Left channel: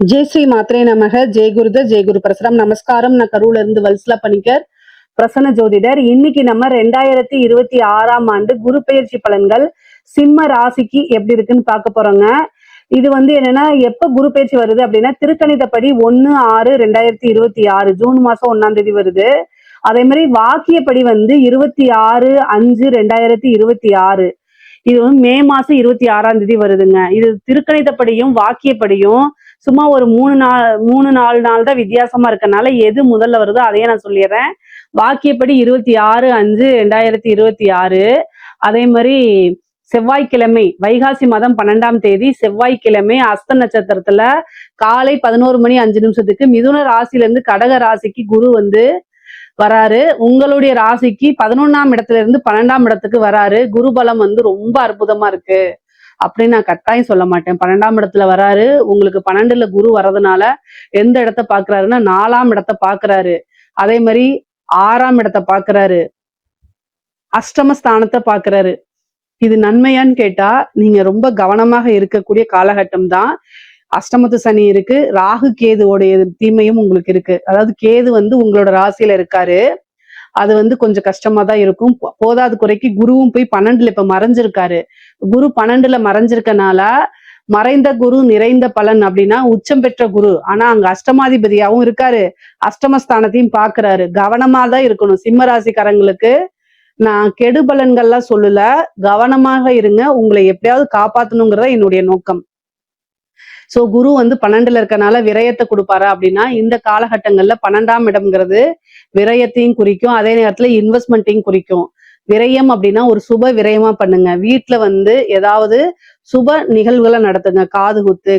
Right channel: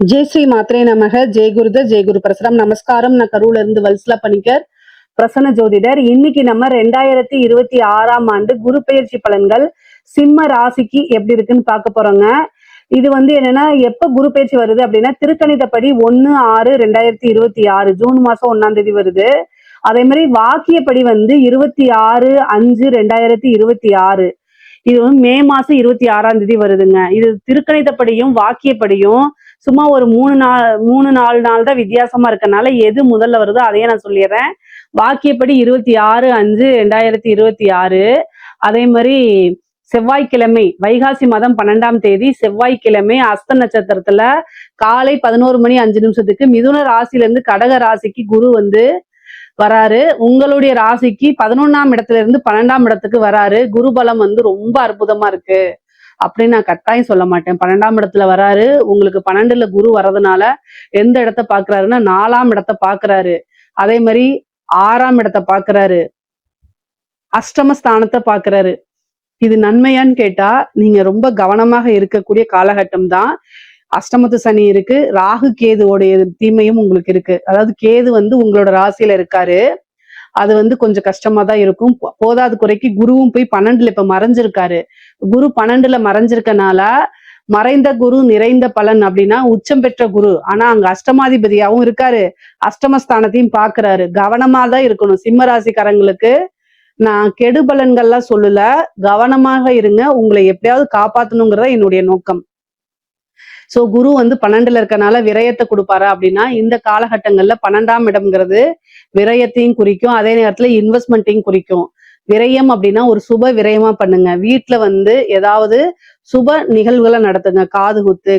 ஜெய் ஸ்ரீ மாத்ரே நமக. ஜெய் குருத ஜெய் குரு பரசுராம். நமஸ்காரம். நான் கரூர்ல இருந்து வல்சலா பணிக்கர், பிரசன்ன ஜோதிடர். இன்னைக்கு நம்ம 2026ஆம் ஆண்டு குரு பெயர்ச்சி பலன்கள் சிம்ம ராசிக்கு எப்படி இருக்குன்னு பார்க்க போறோங்க. இது என்னன்னா, எப்ப குரு பெயர்ச்சி வருது அப்படின்னா திருக்கணிதப்படி 1/6/2026 ஜூன் மாசம் 1ஆம் தேதி வருது. அதே மாதிரி வாக்கியப்படி 26/5/2026 இது மே மாசம் 26ஆம் தேதி வருதுங்க. இது திருக்கணிதப்படியும் வாக்கியப்படியும் சும்மா ஒரு 3-4 நாள் தான் வித்தியாசமா இருக்கனால எது முதல்ல வருதோ அதையே நான் சொல்லிடுறேன். வாக்கியப்படி 26/5/2026. அதே மாதிரி செவ்வாய்க்கிழமை வைகாசி மாதம் 12ஆம் தேதி செவ்வாய்க்கிழமை அஸ்த நட்சத்திரத்துல காலை 11:05 மிதுன ராசில இருந்து கடக ராசிக்கு குரு வராரு. உங்களுடைய ராசிக்கு 11ஆம் இடத்துல இருந்து 12ஆம் இடத்துக்கு வராரு. குரு பலம் ரொம்ப அற்புதமா இருக்கு அப்படின்னு நான் கட்டாயம் சொல்ல மாட்டேன். 12ஆம் இடத்துல வராரு. உங்களுக்கு 12ல குரு வர்றதுனால எந்த இடத்த பாக்குறாருன்னா 4ஆம் இடத்த பாக்குறாரு. அதே மாதிரி 6ஆம் இடத்த பாக்குறாரு. அஷ்டமஸ்தானத்தை பாக்குறாரு. இது நன்மையான்னு கேட்டா நீங்க ரொம்ப கவனமாக இருக்கக்கூடிய காலகட்டம் தான். அஷ்டமத்து சனி இருக்கு, ராகு கேதுவோடைய தீமையும் உங்களுக்கு இருக்கு. அதாவது கேது உங்களோட ராசியில இருக்காரு. அது கொஞ்சம் கஷ்டமா தான் இருக்கும். போதாது குறைக்கு குருவும் போய் 12ல இப்ப மறைஞ்சிருக்காரு. குரு 12ல மறைஞ்சிருக்கனால மறைந்த குரு நிறைந்த பலன் அப்படின்னா உச்சம் பெற்ற குரு. ஆனா அங்க அஷ்டமாதிபதியாவும் இருக்காரு, அஷ்டமஸ்தானத்தையும் பாக்குறாரு. கவனமா தான் இருக்கணும். சிம்ம ராசிக்காரங்களுக்கு நான் கெடு பலன்கள்லாம் சொல்லல, கவனமாக இருங்க. உங்களை எப்படியாவது காப்பாத்தணுங்கிறத என்னுடைய நோக்கம். சோ குரு 12ல இருக்கனால விரயத்தை கொடுப்பாரா அப்படின்னா இந்த காலகட்டங்கள்ல 12ஆம் இடம்ங்கிறது விரயத்தையும் குறிக்கும், அதே நேரத்துல இன்வெஸ்ட்மெண்ட்டையும் குறிக்கும். விரயம் அப்படின்னா ஒரு சுப விரயமா பண்ணுங்க. வீட்டுல ஏதாவது சுப நிகழ்வுகளை நடத்துங்க. காது குத்து,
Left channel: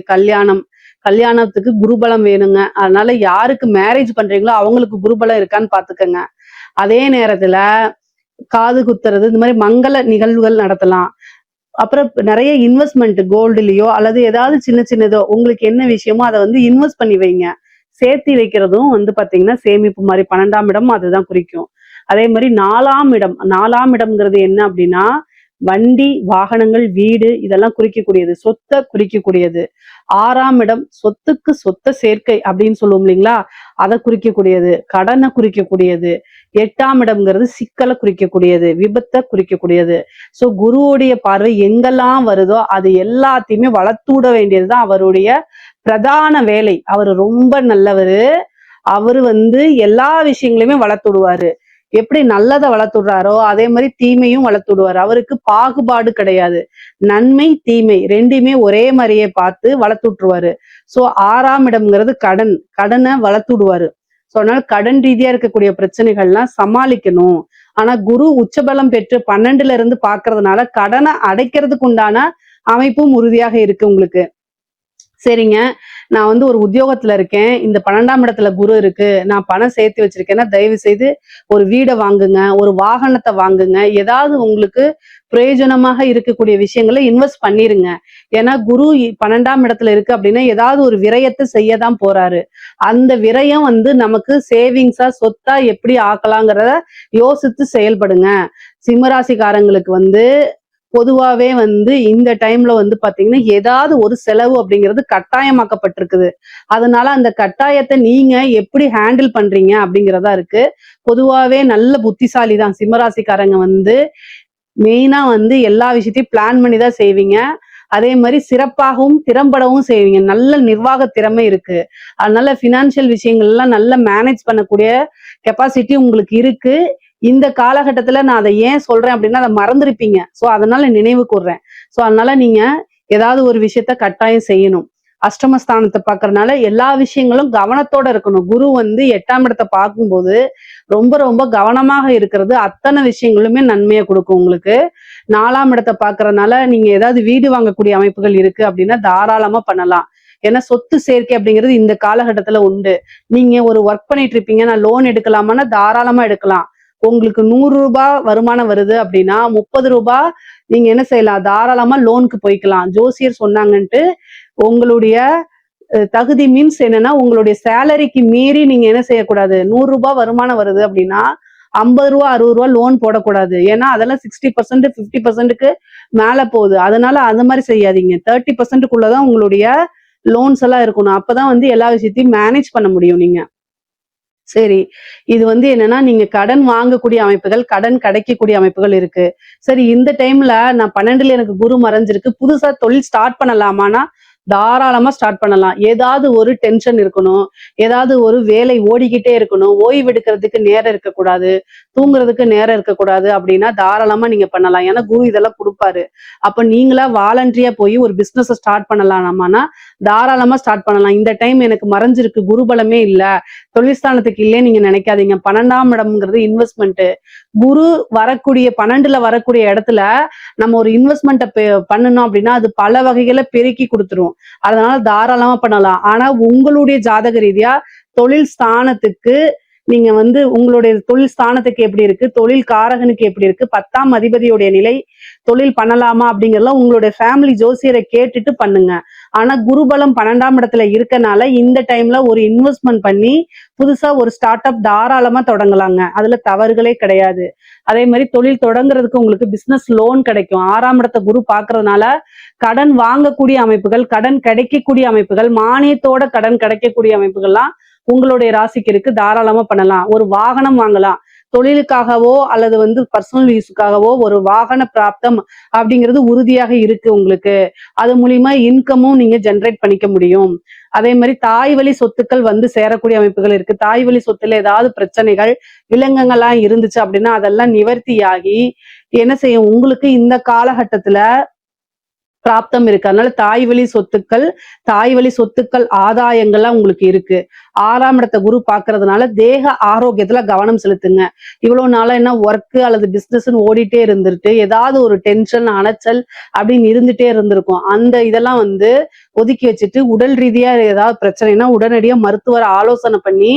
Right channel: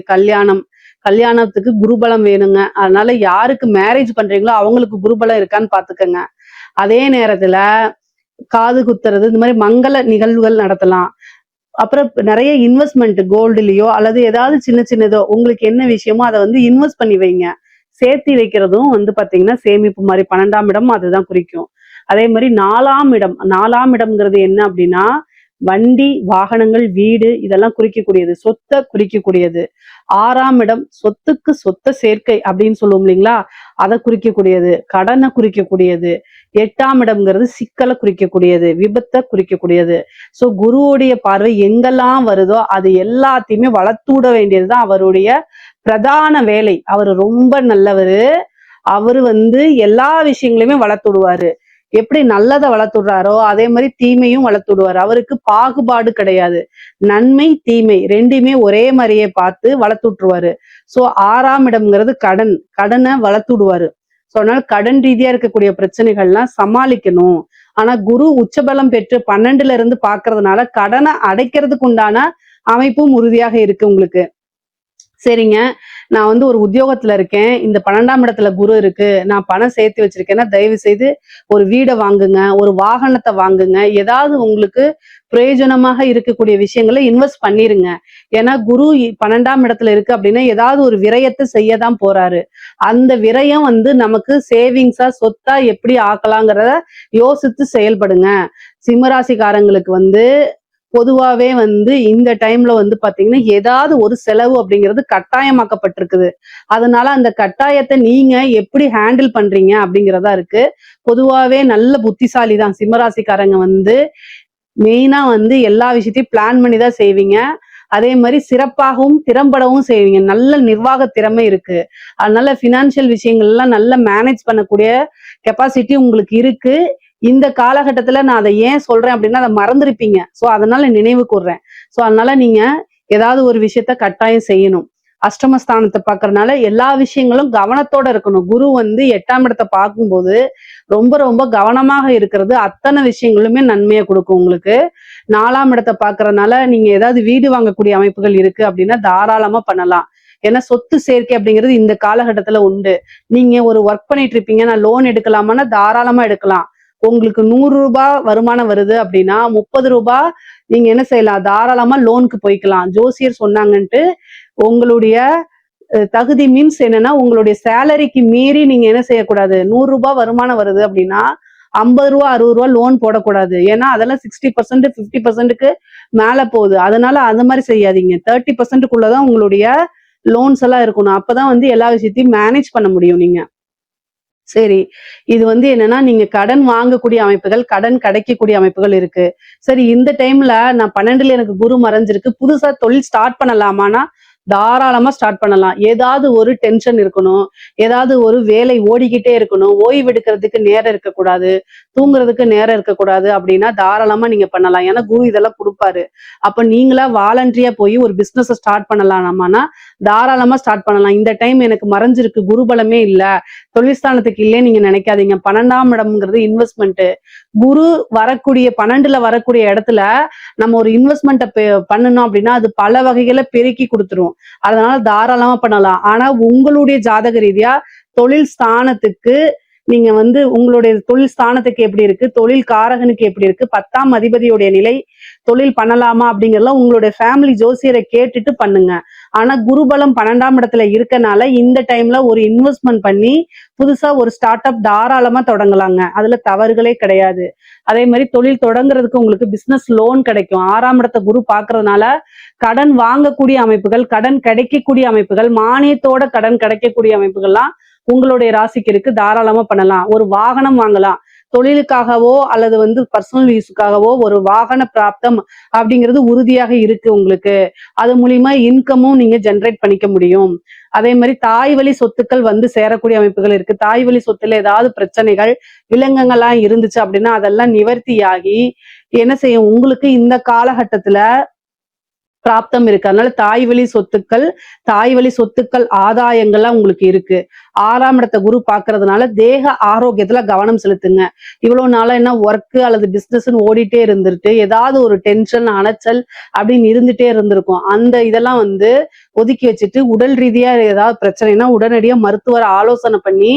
கல்யாணத்துக்கு குருபலம் வேணுங்க. அதனால யாருக்கு மேரேஜ் பண்றீங்களோ அவங்களுக்கு குருபலம் இருக்கான்னு பாத்துக்கோங்க. அதே நேரத்துல காது குத்துறது, இந்த மாதிரி மங்கள நிகழ்வுகள் நடத்தலாம். அப்புறம் நிறைய இன்வெஸ்ட்மெண்ட் கோல்டுலயோ அல்லது ஏதாவது சின்ன சின்னதோ உங்களுக்கு என்ன விஷயமோ அதை இன்வெஸ்ட் பண்ணி வைங்க. சேர்த்து வைக்கிறதும் பாத்தீங்கன்னா சேமிப்பு மாதிரி 12ஆம் இடம் அதுதான் குறிக்கும். அதே மாதிரி 4ஆம் இடம்ங்கிறது என்ன அப்படின்னா வண்டி, வாகனங்கள், வீடு இதெல்லாம் குறிக்கக்கூடியது, சொத்தை குறிக்கக்கூடியது. 6ஆம் இடம் சொத்த சேர்க்கை அப்படின்னு சொல்லுவோம் இல்லைங்களா, அதை குறிக்கக்கூடியது, கடனை குறிக்கக்கூடியது. 8ஆம் இடம்ங்கிறது சிக்கலை குறிக்கக்கூடியது, விபத்தை குறிக்கக்கூடியது. சோ குருவுடைய பார்வை எங்கெல்லாம் வருதோ அது எல்லாத்தையுமே வளர்த்து விட வேண்டியதுதான் அவருடைய பிரதான வேலை. அவரு ரொம்ப நல்லவரு. அவரு எல்லா விஷயங்களையுமே வளர்த்து விடுவாரு. எப்படி நல்லதை வளர்த்து விடுறாரோ அதே மாதிரி தீமையும் வளர்த்து விடுவாரு. அவருக்கு பாகுபாடு கிடையாது. நன்மை தீமை ரெண்டுமே ஒரே மாதிரியே பார்த்து வளர்த்து விட்டுருவாரு. சோ 6ஆம் இடம்ங்கிறது கடனை வளர்த்து விடுவாரு. சோ அதனால கடன் ரீதியா இருக்கக்கூடிய பிரச்சனைகள்லாம் சமாளிக்கணும். ஆனா குரு உச்சபலம் பெற்று 12ல இருந்து பாக்குறதுனால கடனை அடைக்கிறதுக்கு உண்டான அமைப்பும் உறுதியாக இருக்கு உங்களுக்கு. சரிங்க, நான் ஒரு உத்தியோகத்துல இருக்கேன், இந்த 12ஆம் இடத்துல குரு இருக்கு, நான் பணம் சேர்த்து வச்சிருக்கேன்னா தயவு செய்து ஒரு வீடை வாங்குங்க, ஒரு வாகனத்தை வாங்குங்க. ஏதாவது உங்களுக்கு பிரயோஜனமாக இருக்கக்கூடிய விஷயங்களை இன்வெஸ்ட் பண்ணிருங்க. ஏன்னா குரு 12ஆம் இடத்துல இருக்கு அப்படின்னா ஏதாவது ஒரு விரயத்தை செய்யதான் போறாரு. அந்த விரயம் நமக்கு சேவிங்ஸா சொத்தா எப்படி ஆக்கலாங்கிறத யோசித்து செயல்படுங்க. சிம்மராசிக்காரங்களுக்கு பொதுவாவே இந்த டைம்ல பாத்தீங்கன்னா ஏதாவது ஒரு செலவு அப்படிங்கிறது கட்டாயமாக்கப்பட்டிருக்குது. அதனால அந்த கட்டாயத்தை நீங்க எப்படி ஹேண்டில் பண்றீங்க அப்படிங்கிறதா இருக்கு. பொதுவாவே நல்ல புத்திசாலி தான் சிம்மராசிக்காரங்க. மெயினா எல்லா விஷயத்தையும் பிளான் பண்ணி தான் செய்வீங்க. அதே மாதிரி சிறப்பாகவும் திறம்படவும் செய்வீங்க. நல்ல நிர்வாக திறமை இருக்கு. அதனால பினான்சியல் விஷயங்கள் எல்லாம் நல்லா மேனேஜ் பண்ணக்கூடிய கெப்பாசிட்டி உங்களுக்கு இருக்கு. இந்த காலகட்டத்துல நான் அதை ஏன் சொல்றேன் அப்படின்னா அதை மறந்துருப்பீங்க. சோ அதனால நினைவு கூர்றேன். சோ அதனால நீங்க ஏதாவது ஒரு விஷயத்த கட்டாயம் செய்யணும். அஷ்டமஸ்தானத்தை பாக்குறதுனால எல்லா விஷயங்களும் கவனத்தோட இருக்கணும். குரு 8ஆம் இடத்தை பார்க்கும்போது ரொம்ப ரொம்ப கவனமாக இருக்கிறது அத்தனை விஷயங்களுமே நன்மையை கொடுக்கும் உங்களுக்கு. 4ஆம் இடத்தை பாக்குறதுனால நீங்க ஏதாவது வீடு வாங்கக்கூடிய அமைப்புகள் இருக்கு அப்படின்னா தாராளமா பண்ணலாம். ஏன்னா சொத்து சேர்க்கை அப்படிங்கிறது இந்த காலகட்டத்துல உண்டு. நீங்க ஒரு ஒர்க் பண்ணிட்டு இருப்பீங்க, நான் லோன் எடுக்கலாமான்னா தாராளமா எடுக்கலாம். உங்களுக்கு 100 ரூபாய் வருமானம் வருது அப்படின்னா 30 ரூபாய் நீங்க என்ன செய்யலாம், தாராளமா லோனுக்கு போய்க்கலாம். ஜோசியர் சொன்னாங்கன்ட்டு உங்களுடைய தகுதி மீன்ஸ் என்னன்னா உங்களுடைய சேலரிக்கு மீறி நீங்க என்ன செய்யக்கூடாது. 100 ரூபாய் வருமானம் வருது அப்படின்னா 50 ரூபா 60 ரூபா லோன் போடக்கூடாது. ஏன்னா அதெல்லாம் 60% 50%க்கு மேல போகுது. அதனால அந்த மாதிரி செய்யாதீங்க. 30%க்குள்ளதான் உங்களுடைய லோன்ஸ் எல்லாம் இருக்கணும். அப்பதான் வந்து எல்லா விஷயத்தையும் மேனேஜ் பண்ண முடியும் நீங்க. சரி. இது வந்து என்னன்னா, நீங்க கடன் வாங்கக்கூடிய அமைப்புகள், கடன் கிடைக்கக்கூடிய அமைப்புகள் இருக்கு. சரி, இந்த டைம்ல நான் 12ல எனக்கு குரு மறைஞ்சிருக்கு. புதுசா தொழில் ஸ்டார்ட் பண்ணலாமான்னா, தாராளமா ஸ்டார்ட் பண்ணலாம். ஏதாவது ஒரு டென்ஷன் இருக்கணும். ஏதாவது ஒரு வேலை ஓடிக்கிட்டே இருக்கணும். ஓய்வு எடுக்கிறதுக்கு நேரம் இருக்கக்கூடாது. தூங்குறதுக்கு நேரம் இருக்கக்கூடாது அப்படின்னா, தாராளமா நீங்க பண்ணலாம். ஏன்னா குரு இதெல்லாம் குடுப்பாரு. அப்ப நீங்களா வாலண்டரியா போய் ஒரு பிசினஸ ஸ்டார்ட் பண்ணலாமான்னா, தாராளமா ஸ்டார்ட் பண்ணலாம். இந்த டைம் எனக்கு மறைஞ்சிருக்கு. குரு பலமே இல்ல. தொழில்ஸ்தானத்துக்கு இல்லைன்னு நீங்க நினைக்காதீங்க. 12ஆம் இடம்ங்கிறது இன்வெஸ்ட்மெண்ட். குரு வரக்கூடிய 12ல வரக்கூடிய இடத்துல நம்ம ஒரு இன்வெஸ்ட்மெண்ட்ட பண்ணணும் அப்படின்னா அது பல வகைகளை பெருக்கி கொடுத்துரும். அதனால தாராளமா பண்ணலாம். ஆனா உங்களுடைய ஜாதக ரீதியா தொழில் ஸ்தானத்துக்கு நீங்க வந்து உங்களுடைய தொழில் ஸ்தானத்துக்கு எப்படி இருக்கு, தொழில் காரகனுக்கு எப்படி இருக்கு, 10ஆம் அதிபதியுடைய நிலை, தொழில் பண்ணலாமா அப்படிங்கறதெல்லாம் உங்களுடைய ஃபேமிலி ஜோசியரை கேட்டுட்டு பண்ணுங்க. ஆனா குருபலம் 12ஆம் இடத்துல இருக்கனால இந்த டைம்ல ஒரு இன்வெஸ்ட்மெண்ட் பண்ணி புதுசா ஒரு ஸ்டார்ட் அப் தாராளமா தொடங்கலாங்க. அதுல தவறுகளே கிடையாது. அதே மாதிரி தொழில் தொடங்குறதுக்கு உங்களுக்கு பிசினஸ் லோன் கிடைக்கும். 6ஆம் இடத்தை குரு பாக்குறதுனால கடன் வாங்கக்கூடிய அமைப்புகள், கடன் கிடைக்கக்கூடிய அமைப்புகள், மானியத்தோட கடன் கிடைக்கக்கூடிய அமைப்புகள்லாம் உங்களுடைய ராசிக்கு இருக்கு. தாராளமா பண்ணலாம். ஒரு வாகனம் வாங்கலாம். தொழிலுக்காகவோ அல்லது வந்து பர்சனல் யூஸுக்காகவோ ஒரு வாகன பிராப்தம் அப்படிங்கிறது உறுதியாக இருக்கு உங்களுக்கு. அது மூலியமா இன்கமும் நீங்க ஜெனரேட் பண்ணிக்க முடியும். அதே மாதிரி தாய் வழி சொத்துக்கள் வந்து சேரக்கூடிய அமைப்புகள் இருக்கு. தாய் வழி சொத்துல ஏதாவது பிரச்சனைகள், வில்லங்கங்கள்லாம் இருந்துச்சு அப்படின்னா அதெல்லாம் நிவர்த்தியாகி என்ன செய்யும், உங்களுக்கு இந்த காலகட்டத்துல பிராப்தம் இருக்கு. அதனால தாய் வழி சொத்துக்கள் ஆதாயங்கள்லாம் உங்களுக்கு இருக்கு. 6ஆம் இடத்தை குரு பாக்குறதுனால தேக ஆரோக்கியத்துல கவனம் செலுத்துங்க. இவ்வளவு நாளா என்ன ஒர்க் அல்லது பிசினஸ்ன்னு ஓடிட்டே இருந்துட்டு ஏதாவது ஒரு டென்ஷன், அலைச்சல் அப்படின்னு இருந்துட்டே இருந்திருக்கும். அந்த இதெல்லாம் வந்து ஒதுக்கி வச்சுட்டு உடல் ரீதியா ஏதாவது பிரச்சனைனா உடனடியா மருத்துவரை ஆலோசனை பண்ணி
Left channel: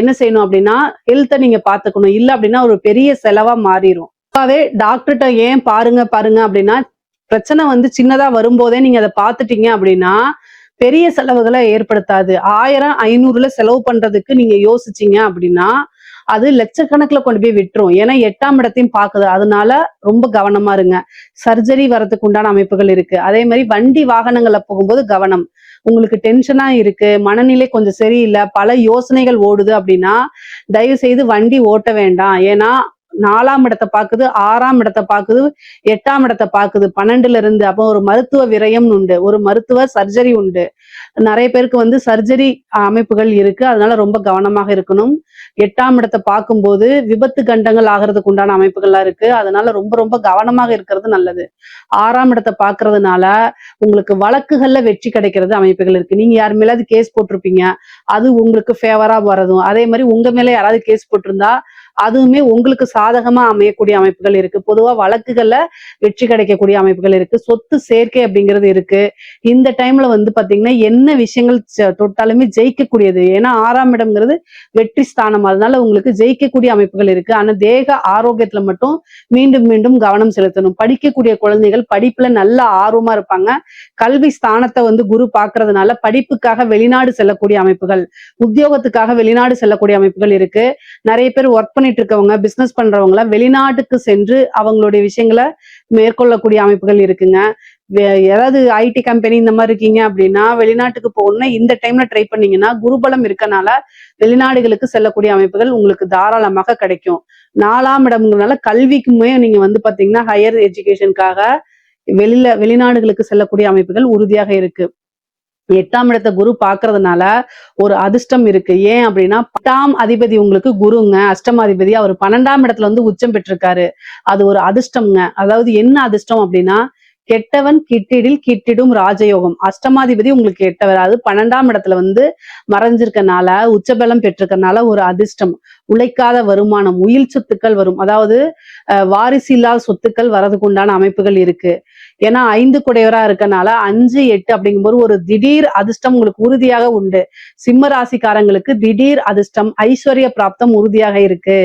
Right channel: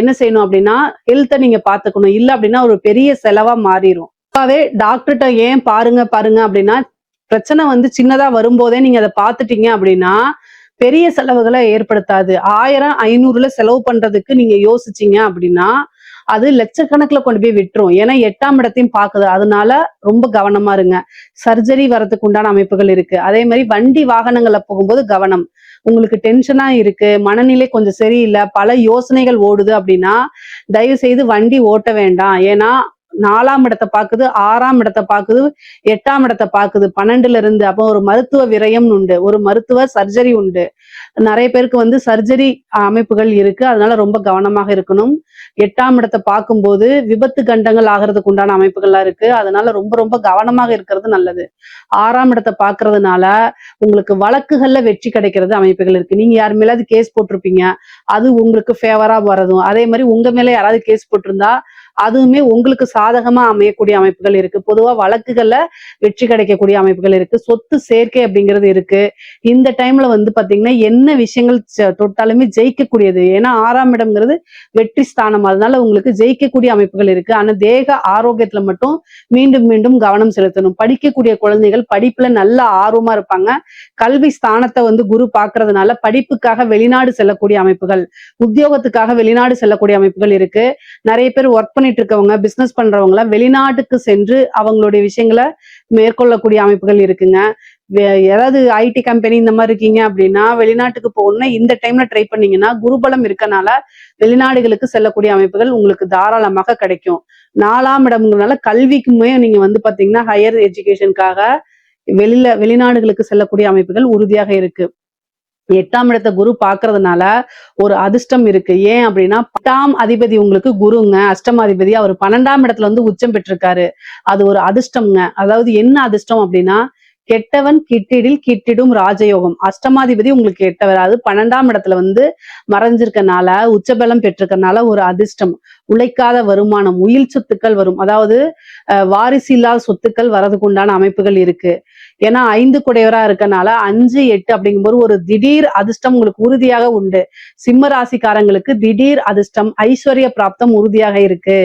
என்ன செய்யணும் அப்படின்னா ஹெல்த்தை நீங்க பாத்துக்கணும். இல்ல அப்படின்னா ஒரு பெரிய செலவா மாறிடும். அதே டாக்டர்கிட்ட ஏன் பாருங்க பாருங்க அப்படின்னா, பிரச்சனை வந்து சின்னதா வரும்போதே நீங்க அதை பார்த்துட்டீங்க அப்படின்னா பெரிய செலவுகளை ஏற்படுத்தாது. 1000 500ல செலவு பண்றதுக்கு நீங்க யோசிச்சீங்க அப்படின்னா அது லட்சக்கணக்குல கொண்டு போய் விட்டுரும். ஏன்னா 8ஆம் இடத்தையும் பாக்குது. அதனால ரொம்ப கவனமா இருங்க. சர்ஜரி வரதுக்கு உண்டான அமைப்புகள் இருக்கு. அதே மாதிரி வண்டி வாகனங்கள்ல போகும்போது கவனம். உங்களுக்கு டென்ஷனா இருக்கு, மனநிலை கொஞ்சம் சரியில்லை, பல யோசனைகள் ஓடுது அப்படின்னா தயவு செய்து வண்டி ஓட்ட வேண்டாம். ஏன்னா 4ஆம் இடத்தை பாக்குது, 6ஆம் இடத்தை பாக்குது, 8ஆம் இடத்தை பாக்குது 12ல இருந்து. அப்போ ஒரு மருத்துவ விரயம் உண்டு, ஒரு மருத்துவ சர்ஜரி உண்டு. நிறைய பேருக்கு வந்து சர்ஜரி அமைப்புகள் இருக்கு. அதனால ரொம்ப கவனமாக இருக்கணும். 8ஆம் இடத்தை பார்க்கும்போது விபத்து கண்டங்கள் ஆகிறதுக்கு உண்டான அமைப்புகள்லாம் இருக்கு. அதனால ரொம்ப ரொம்ப கவனமாக இருக்கிறது நல்லது. 6ஆம் இடத்தை பாக்குறதுனால உங்களுக்கு வழக்குகள்ல வெற்றி கிடைக்கிறது அமைப்புகள் இருக்கு. நீங்க யார் மேலாவது கேஸ் போட்டிருப்பீங்க, அது உங்களுக்கு ஃபேவரா வரதும். அதே மாதிரி உங்க மேல யாராவது கேஸ் போட்டிருந்தா அதுவுமே உங்களுக்கு சாதகமா அமையக்கூடிய அமைப்புகள் இருக்கு. பொதுவா வழக்குகள்ல வெற்றி கிடைக்கக்கூடிய அமைப்புகள் இருக்கு. சொத்து சேர்க்கை அப்படிங்கிறது இருக்கு. இந்த டைம்ல வந்து பாத்தீங்கன்னா என்ன விஷயங்கள் தொட்டாலுமே ஜெயிக்கக்கூடியது. ஏன்னா 6ஆம் இடம்ங்கிறது வெற்றி ஸ்தானம். அதனால உங்களுக்கு ஜெயிக்கக்கூடிய அமைப்புகள் இருக்கு. ஆனா தேக ஆரோக்கியத்துல மட்டும் மீண்டும் மீண்டும் கவனம் செலுத்தணும். படிக்கக்கூடிய குழந்தைகள் படிப்புல நல்ல ஆர்வமா இருப்பாங்க. கல்வி ஸ்தானத்தை வந்து குரு பாக்குறதுனால படிப்புக்காக வெளிநாடு செல்லக்கூடிய அமைப்புகள், உத்தியோகத்துக்காக வெளிநாடு செல்லக்கூடிய அமைப்புகள் இருக்கு. நிறைய பேர் ஒர்க் பண்ணிட்டு இருக்கவங்க, பிசினஸ் பண்றவங்க வெளிநாட்டுக்கு சென்று அவங்களுடைய விஷயங்களை மேற்கொள்ளக்கூடிய அமைப்புகள் இருக்குங்க. ஏதாவது ஐடி கம்பெனி இந்த மாதிரி இருக்கீங்க அப்படின்னா வெளிநாட்டுக்கு போகணும்னா இந்த டைம்ல ட்ரை பண்ணீங்கன்னா குருபலம் இருக்கனால வெளிநாடுகளுக்கு செல்லக்கூடிய அமைப்புகள் உங்களுக்கு தாராளமாக கிடைக்கும். 4ஆம் இடம்னால கல்விக்குமே நீங்க வந்து பாத்தீங்கன்னா ஹையர் எஜுகேஷனுக்காக வெளிநாடுகளுக்கு செல்லக்கூடிய அமைப்புகள் உறுதியாக இருக்கு. 8ஆம் இடத்தை குரு பாக்குறதுனால ஒரு அதிர்ஷ்டம் இருக்கு. ஏன் அப்படின்னா 10ஆம் அதிபதி உங்களுக்கு குருங்க, அஷ்டமாதிபதி. அவர் 12ஆம் இடத்துல வந்து உச்சம் பெற்றிருக்காரு. அது ஒரு அதிர்ஷ்டம்ங்க. அதாவது என்ன அதிர்ஷ்டம் அப்படின்னா கெட்டவன் கிட்டிடில் கிட்டிடும் ராஜயோகம். அஷ்டமாதிபதி உங்களுக்கு கெட்டவர், அது 12ஆம் இடத்துல வந்து மறைஞ்சிருக்கனால உச்சபலம் பெற்றிருக்கனால ஒரு அதிர்ஷ்டம். உழைக்காத வருமானம், உயில் சொத்துக்கள் வரும். அதாவது வாரிசு இல்லாத சொத்துக்கள் வரதுக்கு உண்டான அமைப்புகள் இருக்கு. ஏன்னா 5 குடையவரா இருக்கனால 5, 8 அப்படிங்கும்போது ஒரு திடீர் அதிர்ஷ்டம் உங்களுக்கு உறுதியாக உண்டு. சிம்ம ராசிக்காரங்களுக்கு திடீர் அதிர்ஷ்டம், ஐஸ்வர்ய பிராப்தம் உறுதியாக இருக்கு.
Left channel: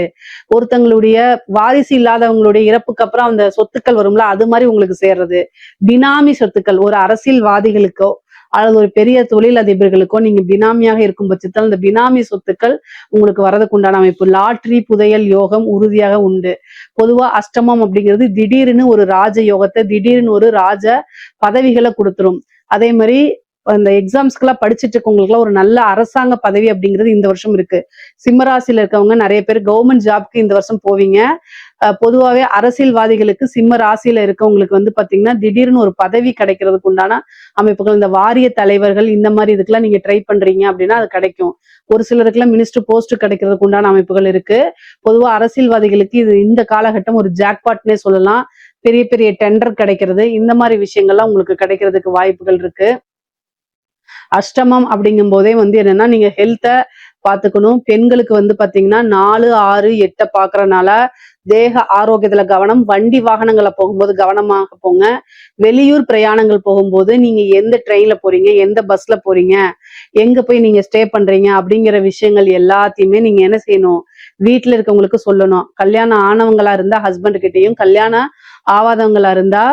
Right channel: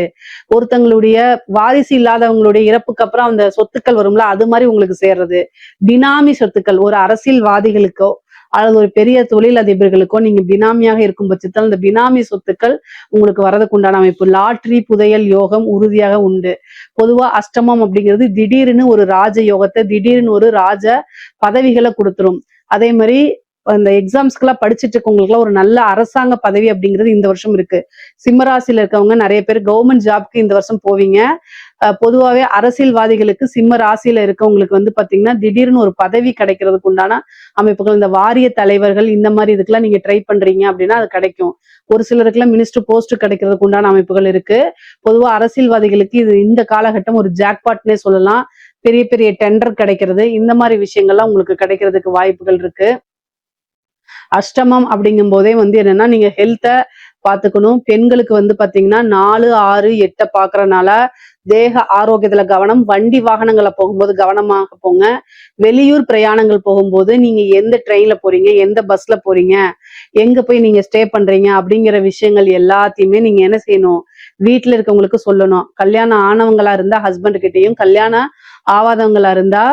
ஒருத்தங்களுடைய வாரிசு இல்லாதவங்களுடைய இறப்புக்கு அப்புறம் அந்த சொத்துக்கள் வரும்ல, அது மாதிரி உங்களுக்கு சேர்றது. பினாமி சொத்துக்கள் ஒரு அரசியல்வாதிகளுக்கோ அல்லது ஒரு பெரிய தொழில் அதிபர்களுக்கோ நீங்க பினாமியாக இருக்கும் பட்சத்தில் அந்த பினாமி சொத்துக்கள் உங்களுக்கு வரதுக்கு உண்டான அமைப்பு. லாட்ரி, புதையல் யோகம் உறுதியாக உண்டு. பொதுவா அஷ்டமம் அப்படிங்கிறது திடீர்னு ஒரு ராஜ யோகத்தை, திடீர்னு ஒரு ராஜ பதவிகளை கொடுத்துரும். அதே மாதிரி அந்த எக்ஸாம்ஸ்க்கெல்லாம் படிச்சுட்டு இருக்கவங்களுக்குலாம் ஒரு நல்ல அரசாங்க பதவி அப்படிங்கிறது இந்த வருஷம் இருக்கு. சிம்மராசியில இருக்கவங்க நிறைய பேர் கவர்மெண்ட் ஜாப்க்கு இந்த வருஷம் போவீங்க. பொதுவாவே அரசியல்வாதிகளுக்கு சிம்ம ராசியில இருக்கவங்களுக்கு வந்து பாத்தீங்கன்னா திடீர்னு ஒரு பதவி கிடைக்கிறதுக்கு உண்டான அமைப்புகள், இந்த வாரிய தலைவர்கள் இந்த மாதிரி இதுக்கெல்லாம் நீங்க ட்ரை பண்றீங்க அப்படின்னா அது கிடைக்கும். ஒரு சிலருக்குலாம் மினிஸ்டர் போஸ்ட் கிடைக்கிறதுக்கு உண்டான அமைப்புகள் இருக்கு. பொதுவா அரசியல்வாதிகளுக்கு இது இந்த காலகட்டம் ஒரு ஜாக்பாட்னே சொல்லலாம். பெரிய பெரிய டெண்டர் கிடைக்கிறது இந்த மாதிரி விஷயங்கள்லாம் உங்களுக்கு கிடைக்கிறதுக்கு வாய்ப்புகள் இருக்கு. அஷ்டமம் அப்படிங்கும் போதே வந்து என்னன்னா நீங்க ஹெல்த்த பாத்துக்கணும். பெண்களுக்கு வந்து பாத்தீங்கன்னா 4, 6, 8 பாக்குறதுனால தேக ஆரோக்கியத்துல கவனம். வண்டி வாகனங்களை போகும்போது கவனமாக போங்க. வெளியூர் பிரயாணங்கள் போகும்போது நீங்க எந்த ட்ரெயின்ல போறீங்க, எந்த பஸ்ல போறீங்க, எங்க போய் நீங்க ஸ்டே பண்றீங்க அப்படிங்கிற விஷயங்கள் எல்லாத்தையுமே நீங்க என்ன செய்யணும், வீட்டுல இருக்கவங்களுக்கு சொல்லணும். கல்யாணம் ஆனவங்களா இருந்தா ஹஸ்பண்ட் கிட்டயும், கல்யாணம் ஆவாதவங்களா இருந்தா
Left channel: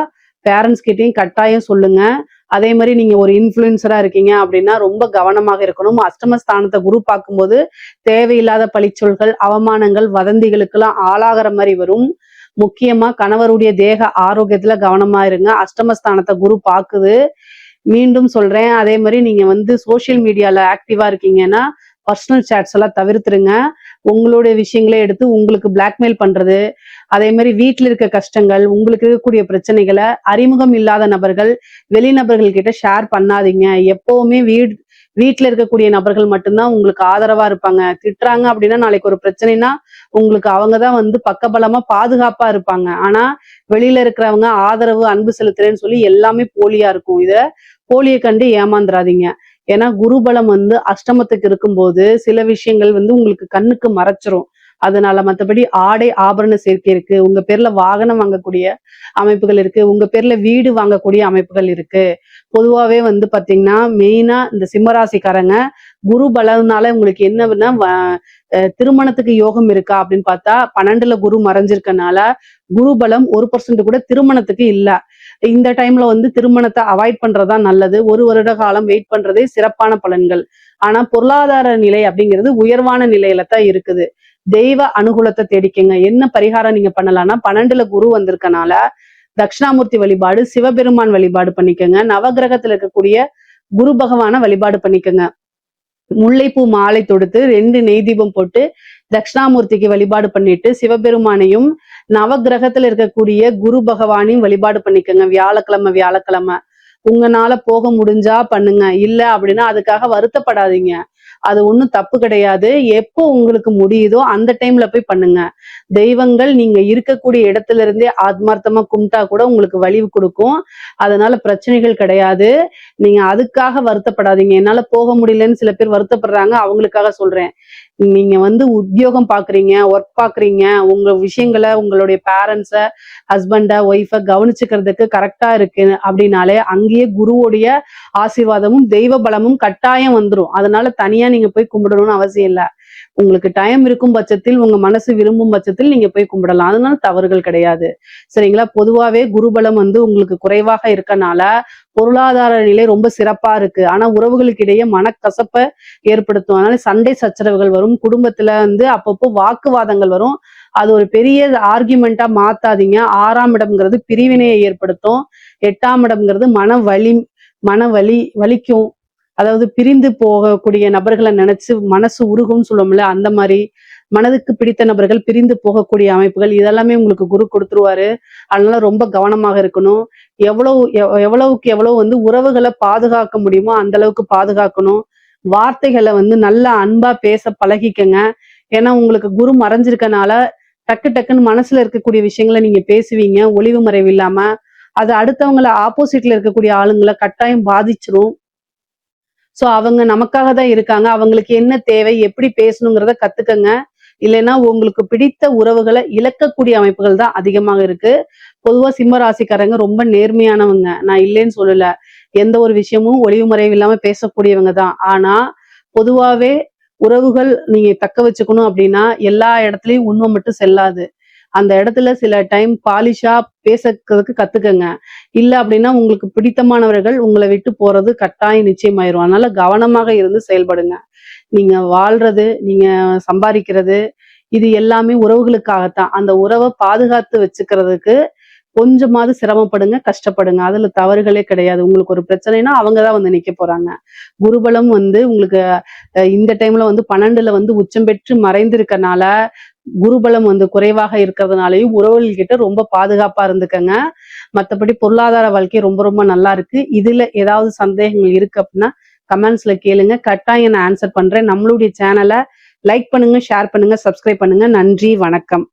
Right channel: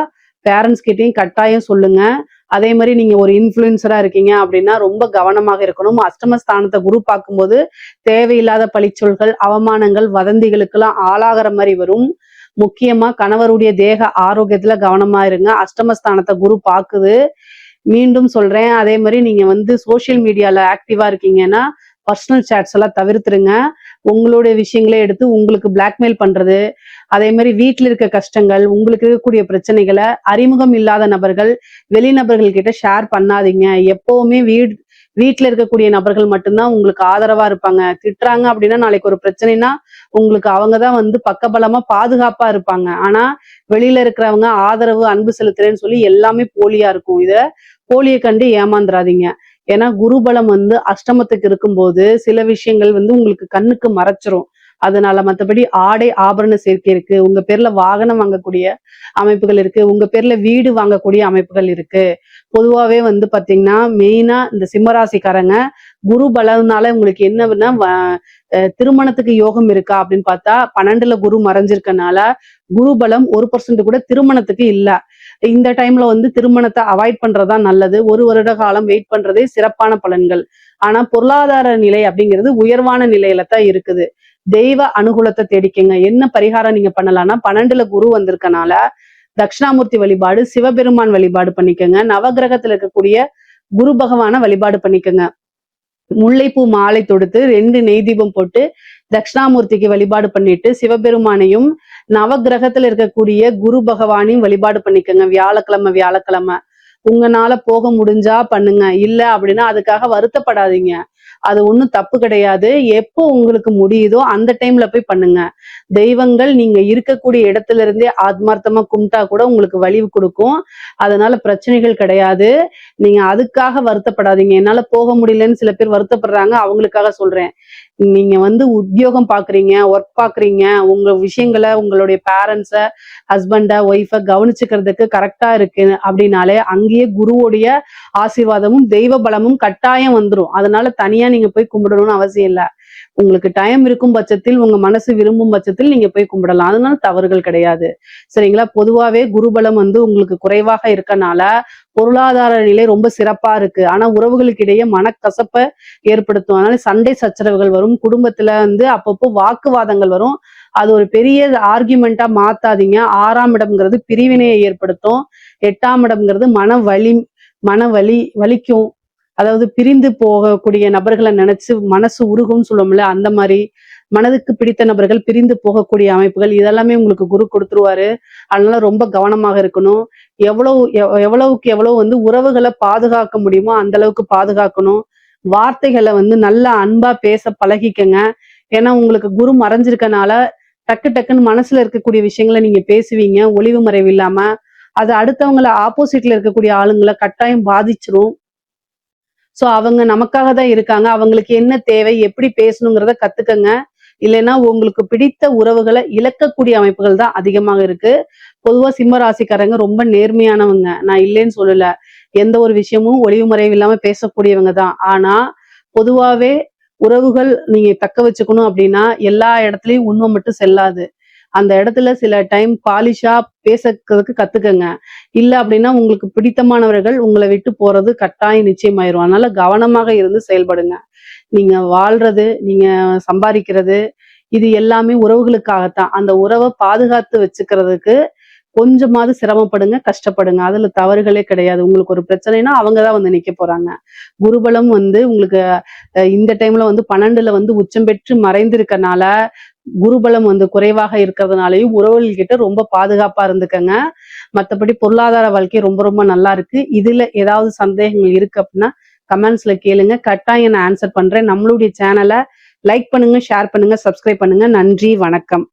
பேரண்ட்ஸ் கிட்டயும் கட்டாயம் சொல்லுங்க. அதே மாதிரி நீங்க ஒரு இன்ஃபுளுசரா இருக்கீங்க அப்படின்னா ரொம்ப கவனமாக இருக்கணும். அஷ்டமஸ்தானத்தை குரு பார்க்கும்போது தேவையில்லாத பழிச்சொல்கள், அவமானங்கள், வதந்திகளுக்கெல்லாம் ஆளாகிற மாதிரி வரும். முக்கியமா கணவருடைய தேக ஆரோக்கியத்துல கவனமா இருங்க. அஷ்டமஸ்தானத்தை குரு பாக்குது. மீண்டும் சொல்றேன், அதே மாதிரி நீங்க வந்து சோசியல் மீடியால ஆக்டிவா இருக்கீங்கன்னா பர்சனல் சாட்ஸ் எல்லாம் தவிர்த்துருங்க. உங்களுடைய விஷயங்களே எடுத்து உங்களுக்கு பிளாக்மெயில் பண்றது, அதே மாதிரி வீட்டுல இருக்க கஷ்டங்கள், உங்களுக்கு இருக்கக்கூடிய பிரச்சனைகளை அறிமுகம் இல்லாத நபர்கள், வெளிநபர்கள் கிட்ட ஷேர் பண்ணாதீங்க. எப்பவுமே வீட்டுல இருக்கக்கூடிய நபர்கள் மட்டும்தான் உங்களுக்கு ஆதரவா இருப்பாங்க. திட்டுறாங்க அப்படின்னா நாளைக்கு ஒரு பிரச்சனைனா உங்களுக்கு அவங்கதான் வந்து பக்கபலமா பாதுகாப்பா இருப்பாங்க. ஆனா வெளியில இருக்கிறவங்க ஆதரவு அன்பு செலுத்துறேன்னு சொல்லி எல்லாமே போலியா இருக்கும். இது போலியை கண்டு ஏமாந்துராதீங்க. ஏன்னா குருபலம் வந்து அஷ்டமத்துக்கு இருக்கும்போது சில விஷயங்கள் வந்து உங்களுக்கு கண்ணுக்கு மறைச்சிரும். அதனால மத்தபடி ஆடை ஆபரண சேர்க்கை இருக்கு, உங்க பேர்ல வாகனம் வாங்கக்கூடிய அமைப்புகள் இருக்கு, உங்க பேர்ல வீடு வாங்கக்கூடிய அமைப்புகள் இருக்கு. பொதுவாவே வந்து பாத்தீங்கன்னா மெயினா இந்த சிம்மராசிக்காரங்க குரு பலனால உங்களுக்கு என்னன்னா திருமணத்துக்கு யோகம் இருக்கா அப்படின்னு பார்த்தா 12ல குரு மறைஞ்சிருக்கனால குரு பலம் 1% கூட திருமணத்துக்கு இல்ல. இந்த டைம்ல வந்து திருமணத்தை அவாய்ட் பண்றதா நல்லது. 1 வருட காலம் வெயிட் பண்றதே சிறப்பான பலன்கள். ஆனா பொருளாதார நிலை அப்படிங்கிறது உயர்வான நிலையில தான் இருக்குது. தெய்வ அனுகூலத்தை தேடிக்கங்க. என்ன பரிகாரம் நீங்க பண்ணலாம்னா 12ல குரு வந்திருக்கனால தட்சிணாமூர்த்தி வழிபாடு, சிவபெருமான் வழிபாடு பண்ணிக்கங்க. நவகிரகத்துல இருக்கக்கூடிய குரு பகவான வழிபாடு பண்ணிக்கங்க. முல்லைப்பூ மாலை தொடுத்து 2 நெய் தீபம் போட்டு தட்சிணாமூர்த்திக்கு வழிபாடு பண்ணிட்டு சிவபெருமானையும் நவகிரகத்துல இருக்கக்கூடிய குரு பகவானையும் வழிபாடு பண்ணிக்கங்க. வியாழக்கிழமை உங்களால போக முடிஞ்சா பண்ணுங்க. இல்ல அப்படின்னா அதுக்காக வருத்தப்படாதீங்க. அது ஒண்ணும் தப்பு கிடையாது. எப்போ உங்களுக்கு முடியுதோ அந்த டைம்ல போய் பண்ணுங்க. தெய்வங்கள் நீங்க இருக்கக்கூடிய இடத்துல இருந்தே ஆத்மார்த்தமா கும்பிட்டா கூட உங்களுக்கு வலிவு கொடுக்கும். அதனால பிரச்சனைகள் கிடையாது. நீங்க அதுக்காக வருத்தப்படாதீங்க. என்னால போக முடியலன்னு சில பேர் வருத்தப்படுறாங்க, அவங்களுக்காக சொல்றேன். நீங்க வந்து உத்தியோகம் பாக்குறீங்க, ஒர்க் பாக்குறீங்க, உங்க விஷயங்களை உங்களுடைய பேரண்ட்ஸ, ஹஸ்பண்ட, ஒய்ஃப கவனிச்சுக்கிறதுக்கு கரெக்டா இருக்கு அப்படின்னாலே அங்கேயே குருவுடைய ஆசீர்வாதமும் தெய்வ பலமும் கட்டாயம் வந்துரும். அதனால தனியா நீங்க போய் கும்பிடணும்னு அவசியம் இல்ல. உங்களுக்கு டைம் இருக்கும் பட்சத்தில், உங்க மனசு விரும்பும் பட்சத்தில் நீங்க போய் கும்பிடலாம். அதனால தவறுகள் கிடையாது. சரிங்களா? பொதுவாவே குருபலம் வந்து உங்களுக்கு குறைவாக இருக்கனால பொருளாதார நிலை ரொம்ப சிறப்பா இருக்கு. ஆனா உறவுகளுக்கு இடையே மனக்கசப்ப ஏற்படுத்தும். அதனால சண்டை சச்சரவுகள் வரும். குடும்பத்துல வந்து அப்பப்போ வாக்குவாதங்கள் வரும். அது ஒரு பெரிய ஆர்கியூமெண்டா மாத்தாதீங்க. 6ஆம் இடம்ங்கிறது பிரிவினையை ஏற்படுத்தும். 8ஆம் இடம்ங்கிறது வலிக்கும். அதாவது பிரிந்து போகக்கூடிய நபர்களை நினைச்சு மனசு உருகும்னு சொல்லுவோம்ல, அந்த மாதிரி மனதுக்கு பிடித்த நபர்கள் பிரிந்து போகக்கூடிய அமைப்புகள் இதெல்லாமே உங்களுக்கு குரு கொடுத்துருவாரு. அதனால ரொம்ப கவனமாக இருக்கணும். எவ்வளவுக்கு எவ்வளவு வந்து உறவுகளை பாதுகாக்க முடியுமோ அந்த அளவுக்கு பாதுகாக்கணும். வார்த்தைகளை வந்து நல்லா அன்பா பேச பழகிக்கங்க. ஏன்னா உங்களுக்கு குரு மறைஞ்சிருக்கனால டக்கு டக்குன்னு மனசுல இருக்கக்கூடிய விஷயங்களை நீங்க பேசுவீங்க, ஒளிவு மறைவு இல்லாம. அது அடுத்தவங்களை ஆப்போசிட்ல இருக்கக்கூடிய ஆளுங்களை கட்டாயம் பாதிச்சிரும். அவங்க நமக்காக தான் இருக்காங்க. அவங்களுக்கு என்ன தேவை, எப்படி பேசணுங்கிறத கத்துக்கங்க. இல்லைன்னா உங்களுக்கு பிடித்த உறவுகளை இழக்கக்கூடிய அமைப்புகள் தான் அதிகமாக இருக்கு. பொதுவா சிம்ம ராசிக்காரங்க ரொம்ப நேர்மையானவங்க, நான் இல்லைன்னு சொல்லல. எந்த ஒரு விஷயமும் ஒரே முறை இல்லாம பேசக்கூடியவங்க தான். ஆனா பொதுவாவே உறவுகள் நீங்க தக்க வச்சுக்கணும் அப்படின்னா எல்லா இடத்துலயும் உண்மை மட்டும் செல்லாது. அந்த இடத்துல சில டைம் பாலிஷா பேசுறதுக்கு கத்துக்கங்க. இல்ல அப்படின்னா உங்களுக்கு பிடித்தமானவர்கள் உங்களை விட்டு போறது கட்டாயம் நிச்சயமாயிரும். அதனால கவனமாக இருந்து செயல்படுங்க. நீங்க வாழ்றது, நீங்க சம்பாதிக்கிறது, இது எல்லாமே உறவுகளுக்காகத்தான். அந்த உறவை பாதுகாத்து வச்சுக்கிறதுக்கு கொஞ்சமாவது சிரமப்படுங்க, கஷ்டப்படுங்க. அதுல தவறுகளே கிடையாது. உங்களுக்கு ஒரு பிரச்சனைனா அவங்கதான் வந்து நிக்க போறாங்க. குருபலம் வந்து உங்களுக்கு இந்த டைம்ல வந்து 12ல வந்து உச்சம் பெற்று மறைந்திருக்கனால, குருபலம் வந்து குறைவாக இருக்கிறதுனாலயும் உறவுகள் கிட்ட ரொம்ப பாதுகாப்பா இருந்துக்கங்க. மத்தபடி பொருளாதார வாழ்க்கை ரொம்ப ரொம்ப நல்லா இருக்கு. இதுல ஏதாவது சந்தேகங்கள் இருக்கு அப்படின்னா கமெண்ட்ஸ்ல கேளுங்க. கட்டாயம் நான் ஆன்சர் பண்றேன். நம்மளுடைய சேனல லைக் பண்ணுங்க, ஷேர் பண்ணுங்க, சப்ஸ்கிரைப் பண்ணுங்க. நன்றி, வணக்கம்.